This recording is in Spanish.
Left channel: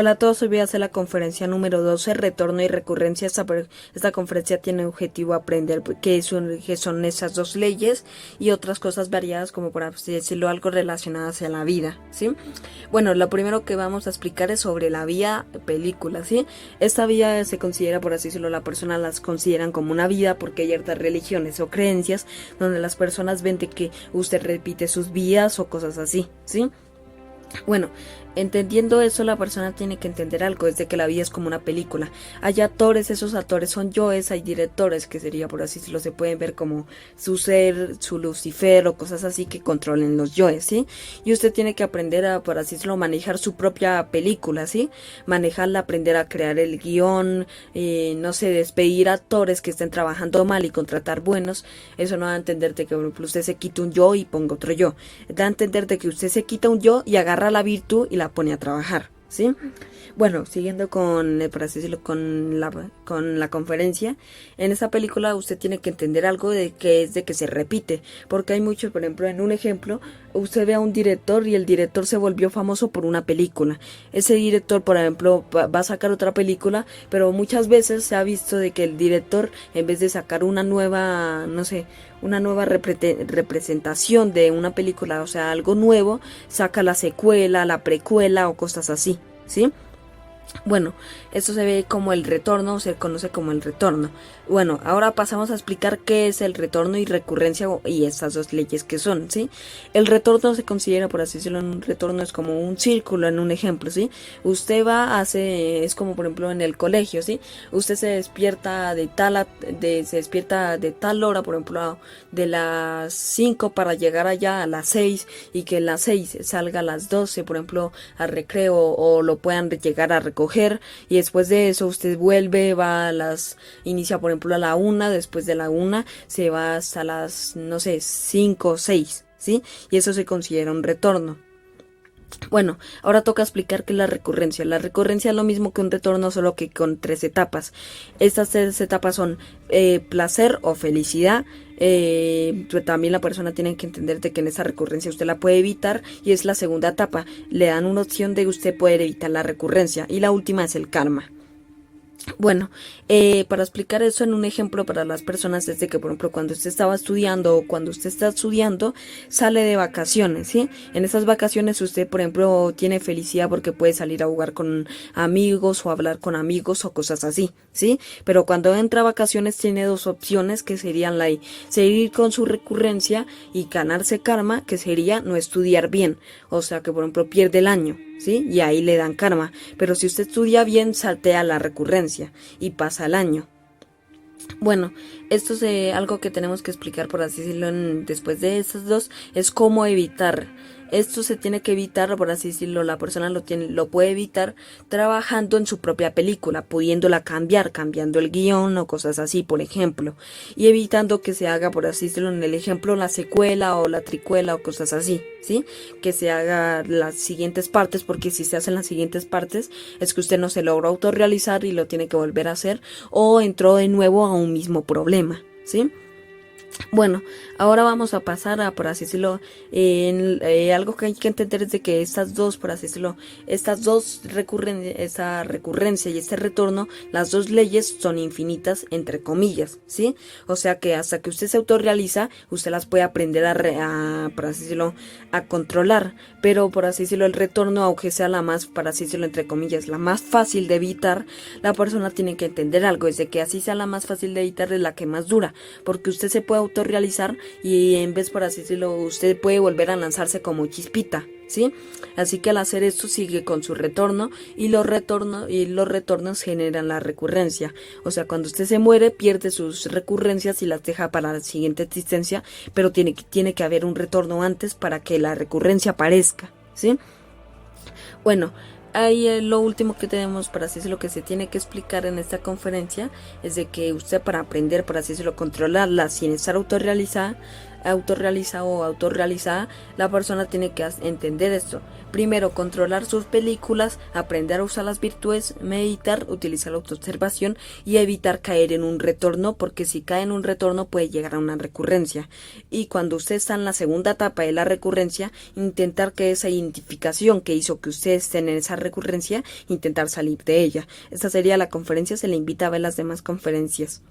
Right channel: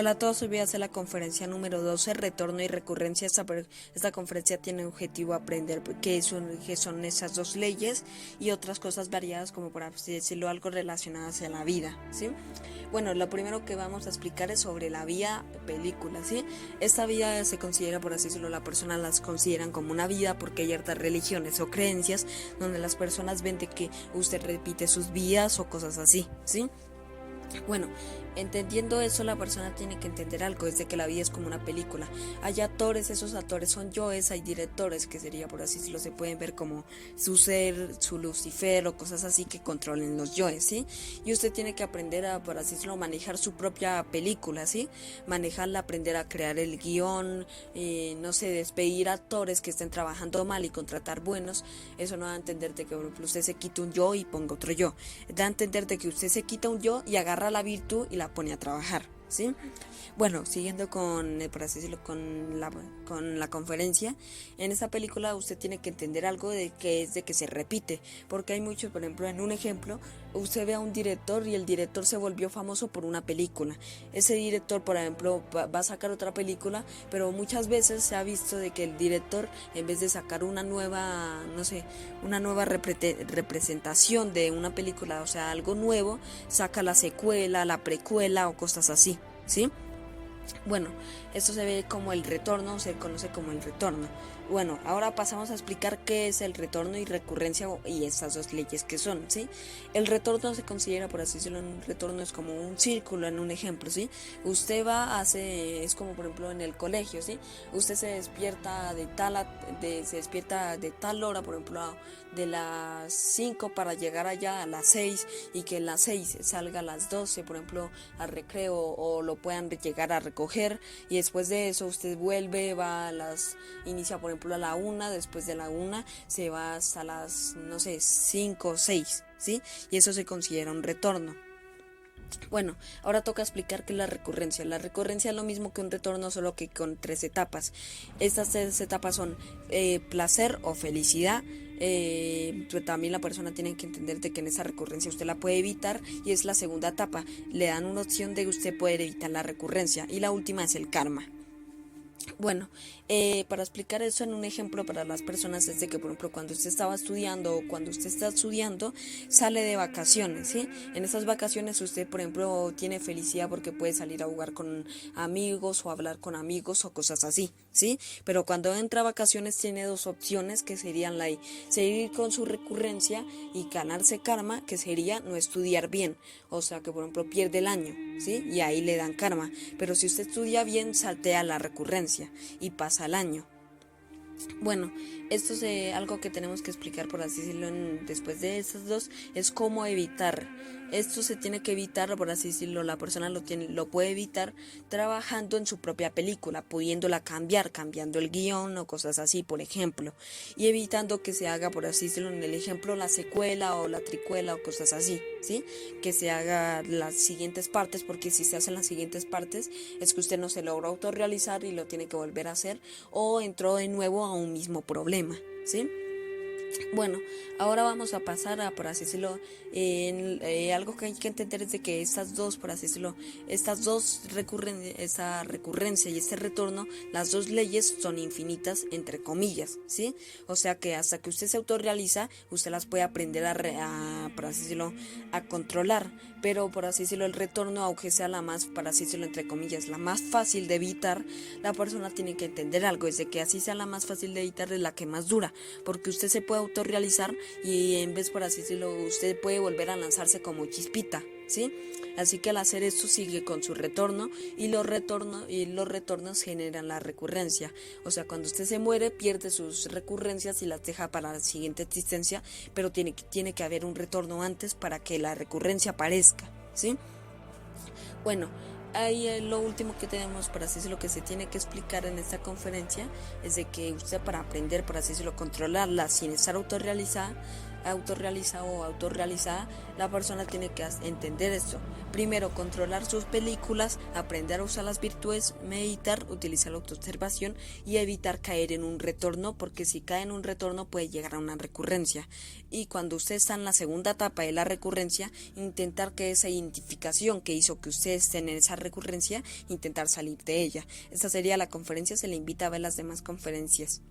Hola a todos, hoy voy a hacer la conferencia número 12, retorno y recurrencia. Esta conferencia tiene objetivo aprender qué son esas dos leyes y otras cosas variadas, como por así decirlo, algo relacionadas a la vida, ¿sí? Bueno, lo primero que vamos a explicar es sobre la vía película, ¿sí? Esta vía se considera, por así decirlo, las personas las consideran como una vida porque hay ciertas religiones o creencias donde las personas ven de que usted repite sus vidas o cosas así, ¿sí? Bueno, entendiendo eso, la persona tiene que entender algo, es de que la vida es como una película. Hay actores, esos actores son yoes, hay directores, que sería por así decirlo, se pueden ver como su ser, su Lucifer o cosas así que controlen los yoes, ¿sí? Y usted tiene que aprender a, por así decirlo, manejar su propia película, ¿sí? Manejarla, aprender a crear el guión, no sé, despedir actores que estén trabajando mal y contratar buenos. Eso no da a entender de que, por ejemplo, usted se quita un yo y ponga otro yo. Da a entender de que usted se quita un yo y agarra la virtud y la pone a trabajar, ¿sí? Bueno, siguiendo con, por así decirlo, con la conferencia, en esta película usted tiene que entender algo de que es de que se repite, porque hay muchos, por ejemplo, en un ejemplo, usted ve a un director y el director se volvió famoso por una película. Ese director, por ejemplo, va a sacar otra película, pero muchas veces se ha visto de que el director, en vez de sacar una nueva, no sé, una nueva representación de una película, o sea, algo nuevo, saca la secuela, la precuela o cosas así, ¿sí? Bueno, esto se ve como el retorno, se conoce como el retorno. Bueno, ahora pasamos a explicar qué es el retorno y recurrencia y estas dos leyes que son, ¿sí? El retorno se considera, por así decirlo, un retorno es como un círculo en un ejemplo, ¿sí? Usted va, es como por ejemplo en el colegio, ¿sí? Usted se despierta se despierta de tal hora, por ejemplo, de las 5 para llegar allá a las 6 y que en las 6 salga a las 12, por ejemplo, al recreo o lo puedan llegar a recoger y después de eso usted vuelve, inicia por ejemplo a la 1, después de la 1 se va hasta las, no sé, 5 o 6, ¿sí? Y eso se considera un retorno. Bueno, ahora toca explicar qué es la recurrencia. La recurrencia es lo mismo que un retorno, solo que con 3 etapas. Estas 3 etapas son placer o felicidad. También la persona tiene que entender de que en esa recurrencia usted la puede evitar y es la segunda etapa. Le dan una opción de usted poder evitar la recurrencia y la última es el karma. Bueno, para explicar eso en un ejemplo para las personas es de que, por ejemplo, cuando usted estaba estudiando o cuando usted está estudiando, sale de vacaciones, ¿sí? En esas vacaciones usted, por ejemplo, tiene felicidad porque puede salir a jugar con amigos o hablar con amigos o cosas así, ¿sí? Pero cuando entra a vacaciones tiene dos opciones que serían seguir con su recurrencia y ganarse karma, que sería no estudiar bien, o sea que, por ejemplo, pierde el año, ¿sí? Y ahí le dan karma. Pero si usted estudia bien, saltea la recurrencia y pasa el año. Bueno, esto es algo que tenemos que explicar, por así decirlo, después de estas dos, es cómo evitar. Esto se tiene que evitar, por así decirlo, la persona lo puede evitar trabajando en su propia película, pudiéndola cambiar, cambiando el guión o cosas así, por ejemplo, y evitando que se haga, por así decirlo, en el ejemplo, la secuela o la tricuela o cosas así, ¿sí? Que se haga las siguientes partes, porque si se hacen las siguientes partes, es que usted no se logró autorrealizar y lo tiene que volver a hacer, o entró de nuevo a un mismo problema, ¿sí? Bueno, ahora vamos a pasar a, por así decirlo, algo que hay que entender es de que estas dos, por así decirlo, esta recurrencia y este retorno, las dos leyes son infinitas, entre comillas, ¿sí? O sea que hasta que usted se autorrealiza, usted las puede aprender por así decirlo, a controlar, pero por así decirlo, el retorno, aunque sea la más, por así decirlo, entre comillas, la más fácil de evitar, la persona tiene que entender algo, es de que así sea la más fácil de evitar es la que más dura, porque usted se puede autorrealizar y en vez, por así decirlo, usted puede volver a lanzarse como chispita, ¿sí? Así que al hacer esto sigue con su retorno y los retornos generan la recurrencia. O sea, cuando usted se muere pierde sus recurrencias y las deja para la siguiente existencia, pero tiene que haber un retorno antes para que la recurrencia aparezca, ¿sí? Bueno, ahí lo último que tenemos, para así decirlo, que se tiene que explicar en esta conferencia es de que usted, para aprender, por así decirlo, controlarla sin estar autorrealizada, autorrealizado o autorrealizada, la persona tiene que entender esto. Primero, controlar sus películas, aprender a usar las virtudes, meditar, utilizar la autoobservación y evitar caer en un retorno, porque si cae en un retorno puede llegar a una recurrencia. Y cuando usted está en la segunda etapa de la recurrencia, intentar que esa identificación que hizo que usted esté en esa recurrencia, intentar salir de ella. Esta sería la conferencia, se le invita a ver las demás conferencias.